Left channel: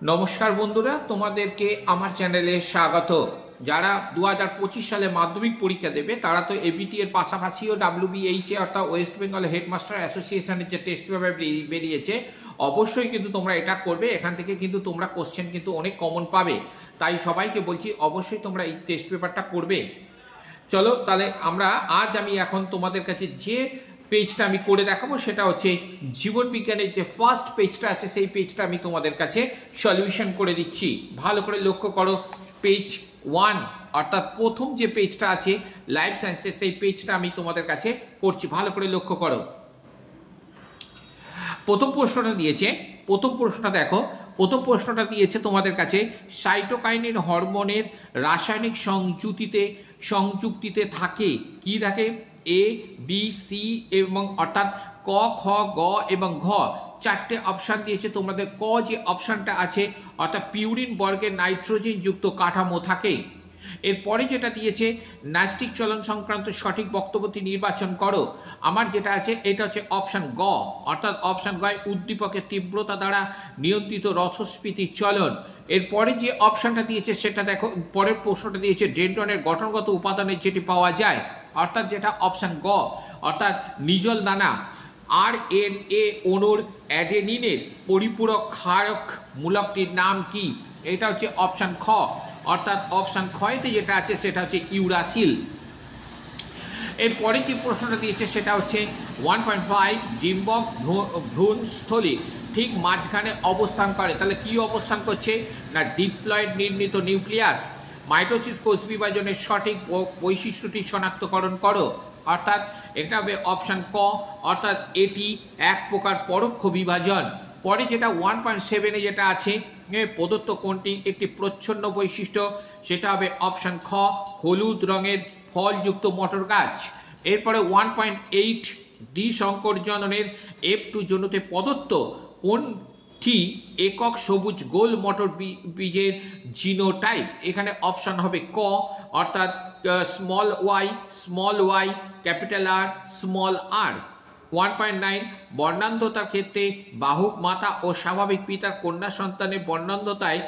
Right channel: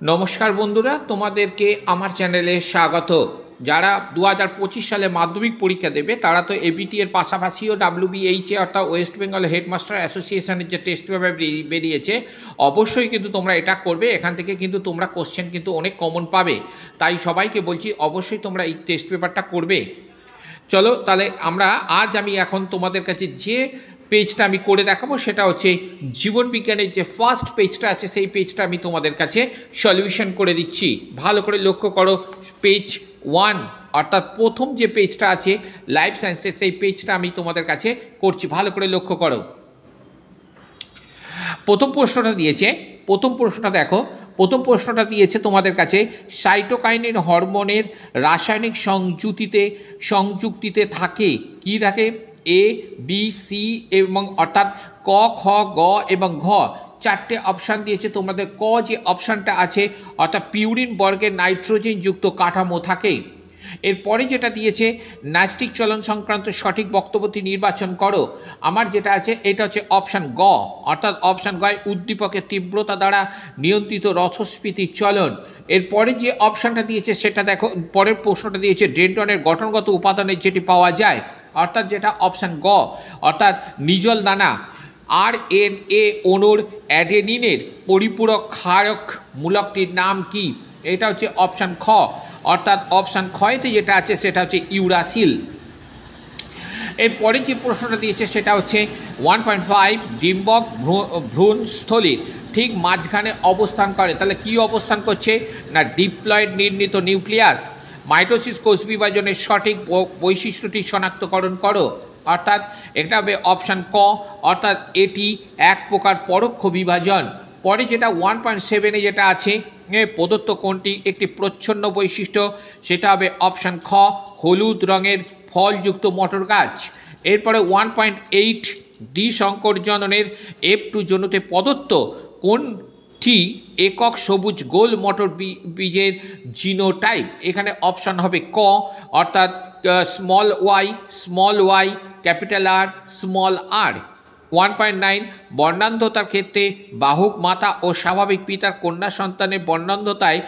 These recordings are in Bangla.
নমস্কার বন্ধুরা, তোমাদেরকে আমার চ্যানেলে স্বাগত। যারা 2025 সালে মাধ্যমিক পরীক্ষা দেবে তারা তো এবিটি এর পাশাপাশিও WBHA অর্থাৎ ওয়েস্ট বেঙ্গল হেডমাস্টার অ্যাসোসিয়েশনের যে টেস্ট পেপার বেরিয়েছে, অবশ্যই কিন্তু তোমরা এটা করবে। এখান থেকে কিন্তু তোমরা কোশ্চেন কিন্তু অনেক কমন পাবে, তাই সবাইকে বলছি অবশ্যই তোমরা এই টেস্ট পেপারটা করবে। চলো তাহলে আমি এখন তোমাদের কাছে যে পেজটা আমি করে দেখাবো সেটা হচ্ছে জীবন বিজ্ঞানের যে ফার্স্ট পেজটা আছে, সেই পেজটা আমি তোমাদের কাছে সলিউশন করে দিচ্ছি। ভালো করে লক্ষ্য করো, পেজ 1 অর্থাৎ প্রথম যে পেজটা আছে লাইফ সায়েন্সের, সেই পেজটা আমি তোমাদের কাছে করছি। ভালো করে লক্ষ্য করো, প্রথম প্রশ্নটা দেখো। প্রথম প্রশ্নটা দিয়েছে তোমাদের কাছে, সাইটোকাইনের হরমোনের রাসায়নিক সংযুক্তিতে থাকে কি থাকে? এ, বি, সি এবং অর্থাৎ ক, খ, গ এবং ঘ। চারটে অপশান দিয়েছে তোমাদের। ক যে অপশানটা আছে অর্থাৎ পিউরিন বর্গের নাইট্রোজেনযুক্ত কাঠামো থাকে। এরপরে যেটা দিয়েছে, ন্যাস্টিক চলন সংক্রান্ত সঠিক বক্তব্যটি নির্বাচন করো। আমার যেটা আছে এটা হচ্ছে অপশান গ, অর্থাৎ অপশান গ, উদ্দীপকের তীব্রতা দ্বারা নিয়ন্ত্রিত রথস্ফীতির চলন। এরপরে যে অপশানটা দিয়েছে সেটা দেখো, পরের প্রশ্নটা দিয়েছে ডেন্ড্রনের গঠনগত উপাদানের যেটি পাওয়া যায়, অর্থাৎ যেটা অপশান গ, অর্থাৎ নিজল দানা। RNA অণুর অ্যাডেনিনের পরিপূরক ক্ষারক মূলকটির নাম কি? এটা হচ্ছে অপশান খ, অর্থাৎ অপশান খয়েতে যেটা আছে সেটা হচ্ছে ইউরাসিল। এরপরে যে প্রশ্নটা দিয়েছে সেটা হচ্ছে 1.5 ডিম্বক ভ্রূণস্থলীর ঠিক মাঝখানে অবস্থান করে। তাহলে কি অবস্থান করছে না ডিপ্লয়েড নির্মিত নিউক্লিয়াস। মাইটোসিস কোষ বিভাজনের সঠিক বৈশিষ্ট্যটি শনাক্তকরণ করো, অর্থাৎ এটা হবে অপশান ক, অর্থাৎ এটি এক প্রকার পরোক্ষ বিভাজন। পরে যেটা 1.7 যেটা আছে, প্রদত্ত কোনটি একটি প্রচ্ছন্ন বৈশিষ্ট্য? সেটা হবে অপশান খ, হলুদ রঙের ফলযুক্ত মটর গাছ। এরপরে 1.8 দ্বিসংকর জননের F2 জনুতে প্রদত্ত কোনটি একক সবুজ গোল মটর বীজের জিনোটাইপ? এখানে অপশান হবে ক, অর্থাৎ small Y capital R small R. 1.9 বর্ণান্ধতার ক্ষেত্রে বাহক মাতা ও স্বাভাবিক পিতার কন্যা সন্তানের বর্ণান্ধতায়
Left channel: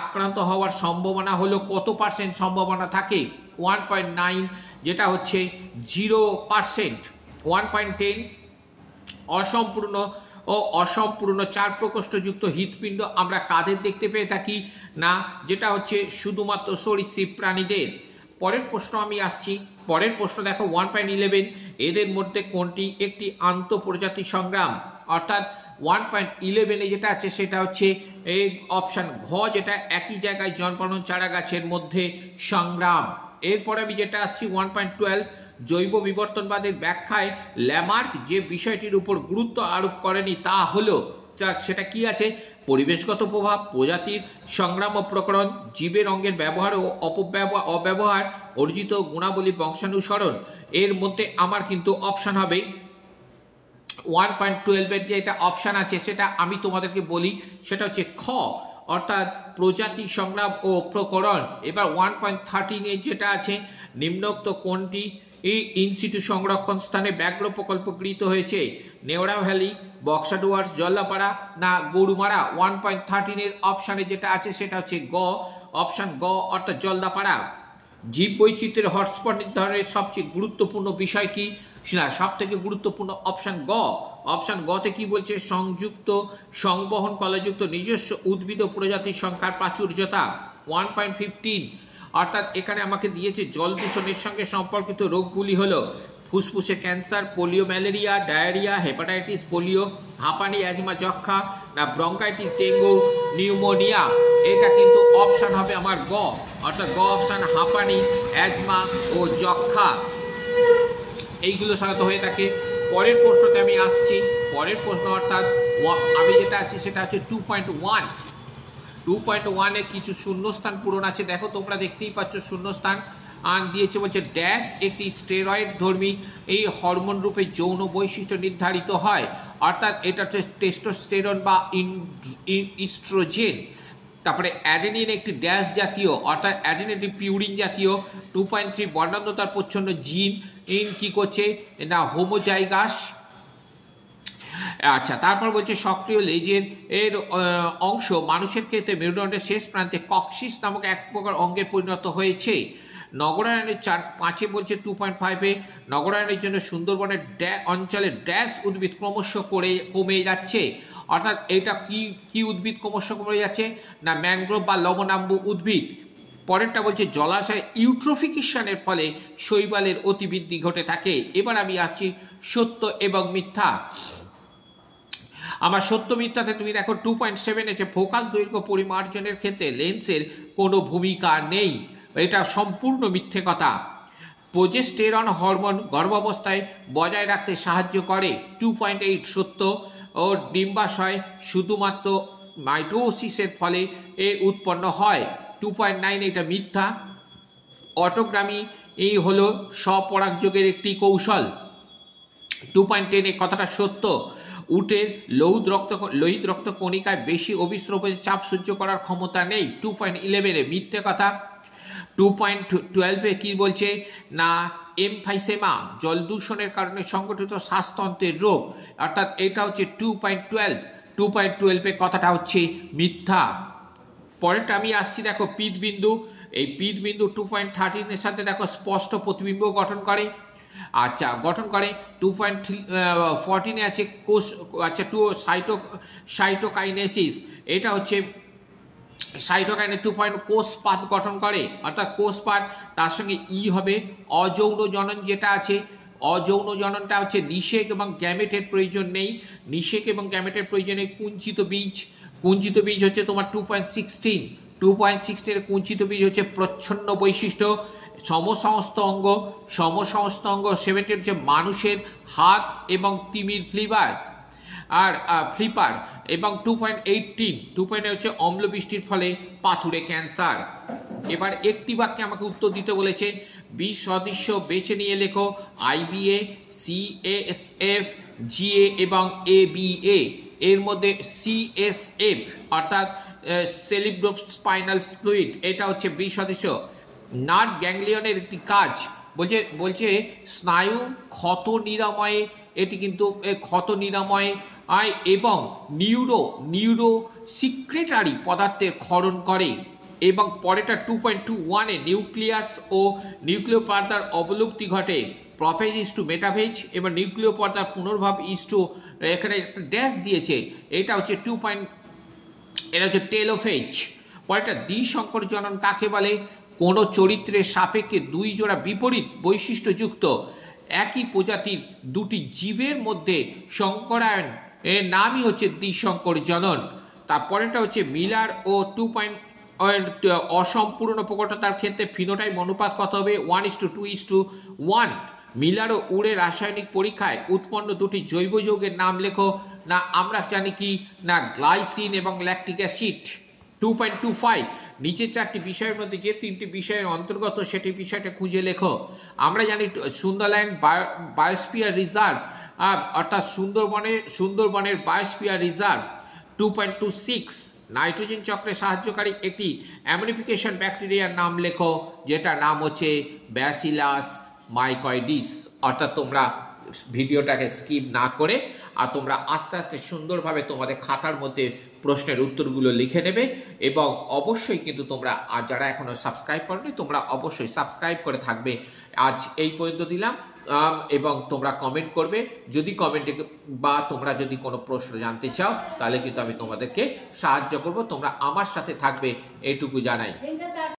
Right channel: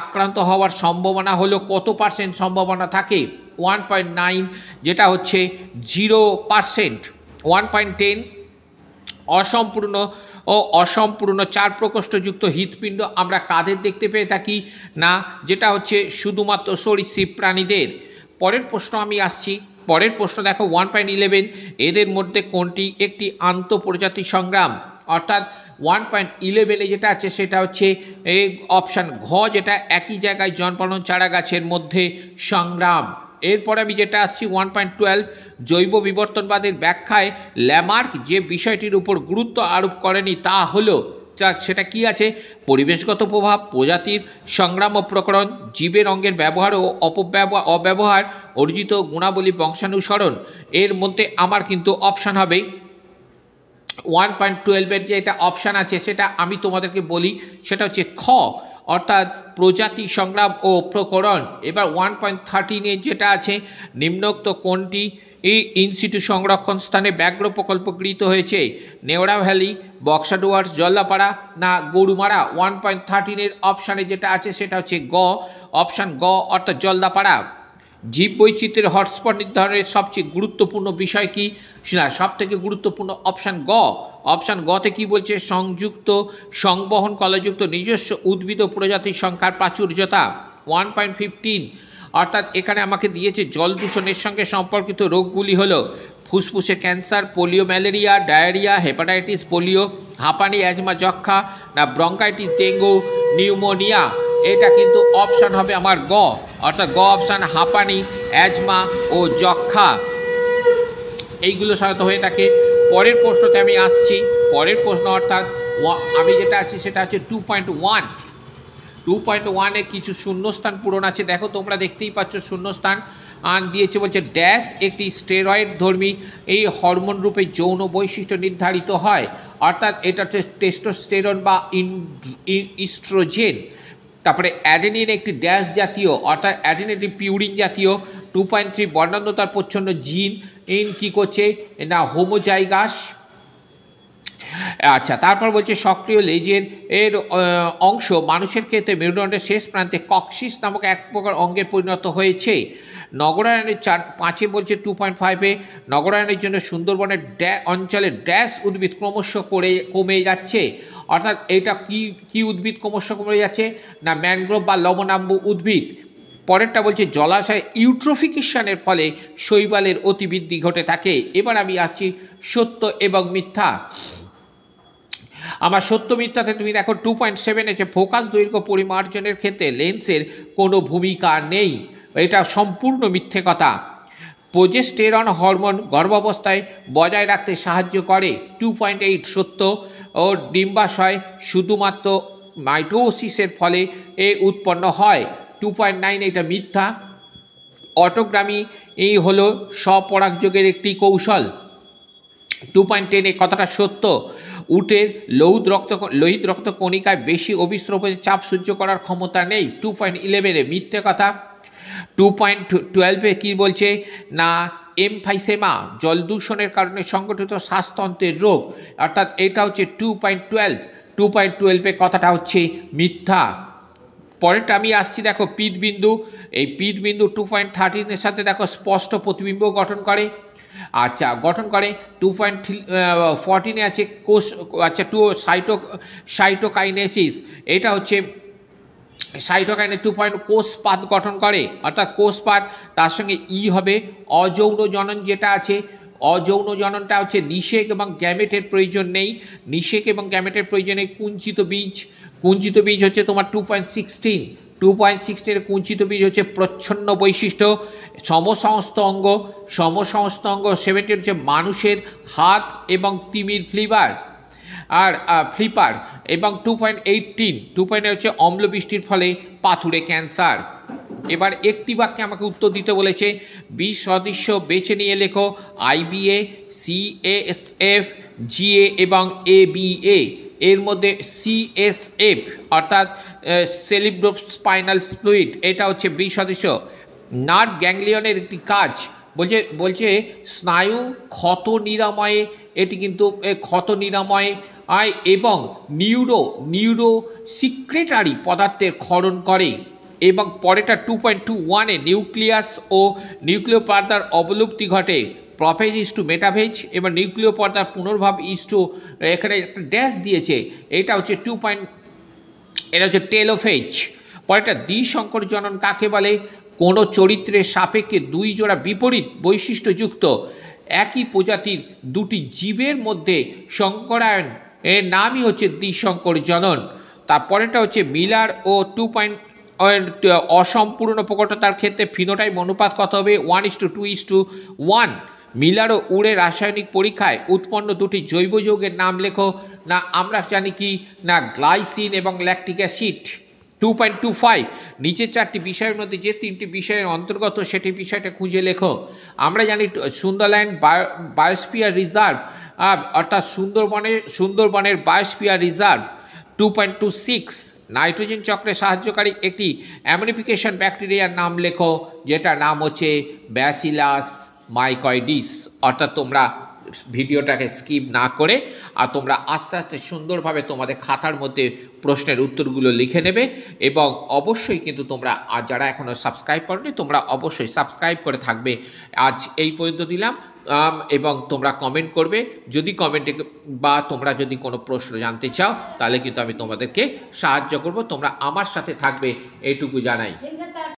আক্রান্ত হওয়ার সম্ভাবনা হলো কত % সম্ভাবনা থাকে? 1.9 যেটা হচ্ছে 0%। 1.10 অসম্পূর্ণ 4 প্রকোষ্ঠযুক্ত হৃৎপিণ্ড আমরা কাদের দেখতে পেয়ে থাকি? না, যেটা হচ্ছে শুধুমাত্র সরীসৃপ প্রাণীদের। পরের প্রশ্ন আমি আসছি। পরের প্রশ্ন দেখো 1.11 এদের মধ্যে কোনটি একটি আন্তঃপ্রজাতি সংগ্রাম? অর্থাৎ 1.11 যেটা আছে সেটা হচ্ছে অপশান ঘ, যেটা একই জায়গায় জন্মানো চারা গাছের মধ্যে সংগ্রাম। এরপর আমি যেটা আসছি 1.12 জৈব বিবর্তনবাদের ব্যাখ্যায় ল্যামার্ক যে বিষয়টির উপর গুরুত্ব আরোপ করেনি তা হলো, সেটা কি আছে? পরিবেশগত প্রভাব, প্রজাতির সংগ্রাম ও প্রকরণ, জীবের অঙ্গের ব্যবহার ও অব্যবহার, অর্জিত গুণাবলী, বংশানুসরণ। এর মধ্যে আমার কিন্তু অপশান হবে 1.12 যে এটা অপশান আছে সেটা আমি তোমাদেরকে বলি, সেটা হচ্ছে খ, অর্থাৎ প্রজাতি সংগ্রাম ও প্রকরণ। এবার 1.13 যেটা আছে, নিম্নোক্ত কোনটি এই ইনসিটু সংরক্ষণ স্থানে ব্যাঘ্র প্রকল্প গৃহীত হয়েছে? নেওড়া ভ্যালি, বক্সা ডুয়ার্স, জল্লাপাড়া না গরুমারা? 1.13 অপশানে যেটা আছে সেটা হচ্ছে গ, অপশান গ, অর্থাৎ জলদাপাড়া। জীব বৈচিত্র্যের হটস্পট নির্ধারণের সবচেয়ে গুরুত্বপূর্ণ বিষয় কি? না, সব থেকে গুরুত্বপূর্ণ অপশান গ। অপশান গতে কি বলছে? সংযুক্ত সংবহন কলাযুক্ত নিজস্ব উদ্ভিদ প্রজাতির সংখ্যার প্রাচুর্যতা। 1.15 অর্থাৎ এখানে আমাকে দিয়েছে জল দূষণের সঙ্গে সম্পর্কিত রোগগুলি হলো ফুসফুসে cancer, polio, malaria, diarrhoea, hepatitis, polio, হাঁপানি, অ্যাজমা, যক্ষা না ব্রঙ্কাইটিস, ডেঙ্গু, নিউমোনিয়া? এটা কিন্তু অপশান হবে আমার গ, অর্থাৎ গ অপশান, হাঁপানি, অ্যাজমা ও যক্ষা এইগুলো সাধারণত হয়ে থাকে। পরের প্রশ্নতে আমি আসছি। পরের প্রশ্ন অর্থাৎ আমি যেটা আছি সেটা হচ্ছে 2.1 কিছু শূন্যস্থান পূরণ আছে। দেখো তোমরা দেখতেই পাচ্ছ শূন্যস্থান দিয়েছে, বলছে ড্যাশ একটি স্টেরয়েড ধর্মী এই হরমোন রূপে যৌন বৈশিষ্ট্য নির্ধারিত হয়, অর্থাৎ এটা হচ্ছে টেস্টোস্টেরন বা ইস্ট্রোজেন। তারপরে অ্যাডেনিন একটি ড্যাশ জাতীয়, অর্থাৎ অ্যাডেনিন একটি পিউরিন জাতীয়। 2.3 বর্ণান্ধতার প্রচ্ছন্ন জিন কি করছে না হোমোজাইগাস। আচ্ছা, তারপর বলছে সক্রিয় লেজের অংশ মানুষের ক্ষেত্রে মেরুদণ্ডের শেষ প্রান্তে কক্সিস নামক এক প্রকার অঙ্গের পরিণত হয়েছে। নগরায়নের 5 বলছে 2.5-এ নগরায়নের জন্য সুন্দরবনের অঞ্চলে ড্যাশ উদ্ভিদ ক্রমশ কমে যাচ্ছে। অর্থাৎ এটা কি উদ্ভিদ ক্রমশ কমে যাচ্ছে না ম্যানগ্রোভ বা লবণাম্বু উদ্ভিদ। পরেরটা বলছে জলাশয় ইউট্রোফিকেশনের ফলে শৈবালের অতিবৃদ্ধি ঘটে থাকে। এবার আমি আসছি সত্য এবং মিথ্যা। আমার সত্য মিথ্যাতে তুমি দেখো 2.7 এসে ফোকাস দৈর্ঘ্য পরিমার্জনের ক্ষেত্রে লেন্সের কোনো ভূমিকা নেই, এটা সম্পূর্ণ মিথ্যে কথা। প্রোজেস্টেরন হরমোন গর্ভাবস্থায় বজায় রাখতে সাহায্য করে, 2.8 সত্য। ও ডিম্বাশয় শুধুমাত্র মাইটোসিসের ফলে উৎপন্ন হয়, 2.9 এটা মিথ্যা। অটোগ্রামি এই হলো স্বপরাগযোগের একটি কৌশল, 2.10 এই কথাটা সত্য। উটের লোহিত রক্ত কণিকায় বেশি অভিস্রবণের চাপ সহ্য করার ক্ষমতা নেই, 2.11 মিথ্যে কথা। 2.12 কি বলছে না এমফাইসেমা জল দূষণের কারণে সংগঠিত শ্বাসতন্ত্রের রোগ, অর্থাৎ এটা হচ্ছে 2.12 কথাটা হচ্ছে মিথ্যা। পরেরটা আমি আসছি দেখো পিতবিন্দু। এই পিতবিন্দু 2.13 সাথে দেখো স্পষ্ট প্রতিবিম্ব গঠন করে। আচ্ছা, গঠন করে 2.14 আছে কোষ, আচ্ছা সাইটোকাইনেসিস, এটা হচ্ছে সাইটোকাইনেস 2. কোষপাত গঠন করে, অর্থাৎ কোষপাত। তার সঙ্গে হবে অযৌন জনন যেটা আছে, অযৌন জননটা হচ্ছে নিষেক এবং গ্যামেটের প্রয়োজন নেই, নিষেক এবং গ্যামেটের প্রয়োজন নেই। কুঞ্চিত বীজ হচ্ছে তোমার 2.16 কুঞ্চিত বীজ হচ্ছে প্রচ্ছন্ন বৈশিষ্ট্য। সমসমস্ত অঙ্গ 70 হচ্ছে মানুষের হাত এবং তিমির ফ্লিপার এবং 2.18 হচ্ছে অম্লবৃষ্টির ফলে পাথুরে ক্যান্সার। এবার একটি বাক্যে আমাকে উত্তর দিতে বলেছে, 20 সদস্য বেছে নিয়ে লেখো IBA, CASF, GA এবং ABA। এর মধ্যে CSF অর্থাৎ সেরিব্রোস্পাইনাল ফ্লুইড, এটা হচ্ছে 20 সদস্য। নার্ভ গ্যাংলিয়নের একটি কাজ বলছে স্নায়ু ক্ষত নিরাময়ে, এটি কিন্তু ক্ষত নিরাময়ে এবং নিউরো সিক্রেটারি পদার্থের ক্ষরণ করে। এবং পরেটা 2.21 নিউক্লিয়াস ও নিউক্লিয় পর্দার অবলুপ্তি ঘটে, প্রোফেজ ইস টু মেটাফেজ এবং নিউক্লিয় পর্দার পুনর্ভাব ইস টু, এখানে একটা ড্যাশ দিয়েছে, এটা হচ্ছে এটা হচ্ছে টেলোফেজ। পরেটা দ্বিসংকর জনন কাকে বলে? কোনো চরিত্রের সাপেক্ষে 2 জোড়া বিপরীত বৈশিষ্ট্যযুক্ত একই প্রজাতির 2টি জীবের মধ্যে সংকরায়ন এর নামই হচ্ছে দ্বিসংকর জনন। তারপরেটা হচ্ছে মিলার ও অসম্পূর্ণ প্রকটতার ক্ষেত্রে ফিনোটাইপ অনুপাত কত হবে? 1:2:1। মিলার ও উড়ের রাসায়নিক পরীক্ষায় উৎপন্ন 2টি জৈব যৌগের নাম লেখো। না আমরা জানি কি না গ্লাইসিন এবং ল্যাকটিক অ্যাসিড। 2.25 নিচের 4টি বিষয়ের মধ্যে যে 3টি বিষয়ের অন্তর্গত সেটি বিষয়টা খুঁজে লেখো। আমরা জানি সুন্দরল্যান্ড বায়োস্ফিয়ার রিজার্ভ, অর্থাৎ সুন্দরবনের বায়োস্ফিয়ার রিজার্ভ। 2.26 নাইট্রোজেন চক্রে সাহায্যকারী একটি অ্যামিনিফিকেশন ব্যাকটেরিয়ার নাম লেখো, যেটার নাম হচ্ছে ব্যাসিলাস মাইকয়েডিস। অর্থাৎ তোমরা ভিডিওটাকে স্কিপ না করে আর তোমরা আস্তে আস্তে সুন্দরভাবে তোমাদের খাতার মধ্যে প্রশ্নের উত্তরগুলো লিখে নেবে এবং অবশ্যই কিন্তু তোমরা যারা এখনও সাবস্ক্রাইব করোনি তোমরা অবশ্যই সাবস্ক্রাইব করে থাকবে। আজ এই পর্যন্ত দিলাম এবং তোমরা কমেন্ট করবে, যদি কমেন্টে বা তোমরা যদি কোনো প্রশ্ন জানতে চাও তাহলে কিন্তু আমি তোমাদেরকে সাহায্য করব, তোমরা আমার সাথে থাকবে, এইটুকু জানাই।